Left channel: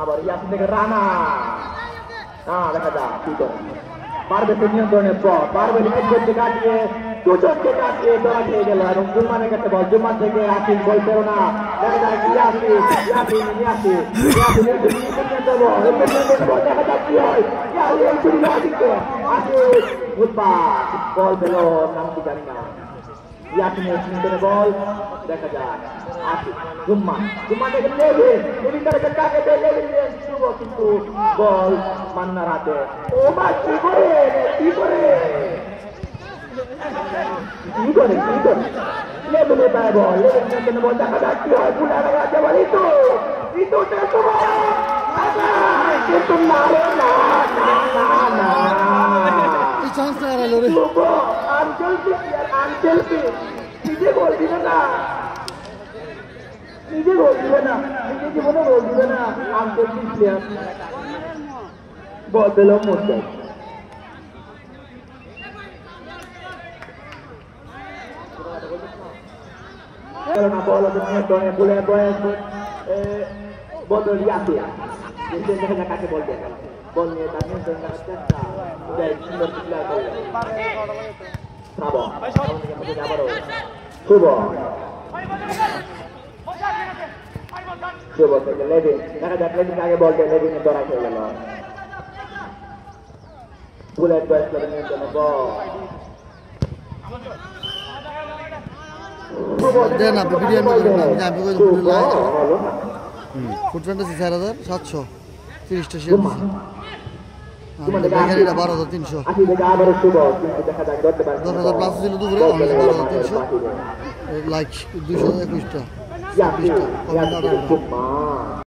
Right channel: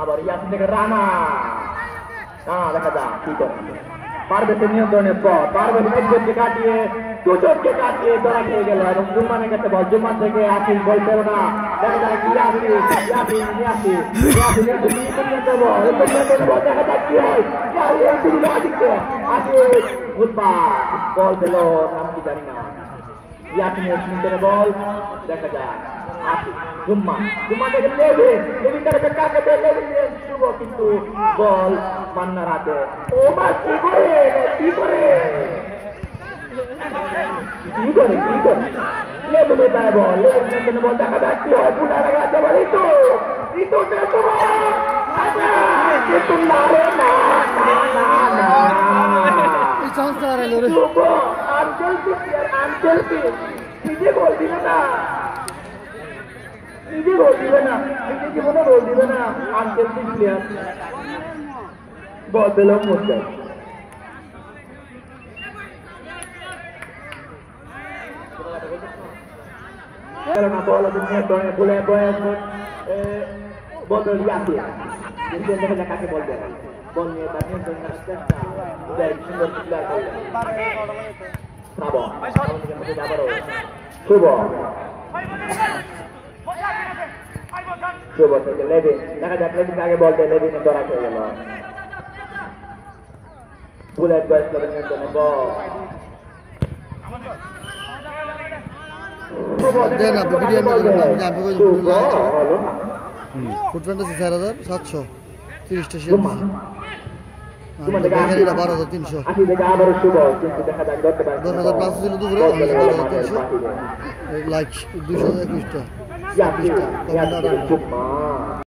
আবার ইয়াসিন থেকে রানা দেখা যাক কি করে পারবে নিয়ন্ত্রণের পর পারবে একজনকে কাটিয়ে দুজনকে কাটিয়ে ধরা খেয়ে গেল এবং জুম্মানের কাছে বল জুম্মান থেকে আসিল বল করে না দেখা যাক বল পেল নাম কি জানি না ইয়াসিনের সুন্দর বল দেখা যাক জুম্মা থেকে লেভিন তার কাকে লেভিন শুভ কিন্তু বল মান্নার হাতে ও মা কি করে লেভিনে দেয় বল লেভিন বল দেখা যাক কি হয় পুনার হাতে বল ইতো কিন্তু মারে না আঞ্চল নিজে গোল দিবে না নিজে জীবনে গোল দিবে না আন্তর্জাতিক প্লেয়ার বল পেল মধ্যে বল বলে বল ইয়াসিন কাকে বল দেয় বল নিয়ে সুন্দর প্লেয়ার শুভ থেকে লেভিন দেখা যাক লেভিন আগে বলতে লেভিনে ধরা খেয়ে গেল বুলেট বয়স নিয়ন্ত্রণে বল ফুটপ্যান্ট আছে 4,730টা শেয়ার বেকারিটা 12,300 10,000 প্লাস ছিল দুপুরে 12,300 লাইক 221টা 26টা কমেন্ট 18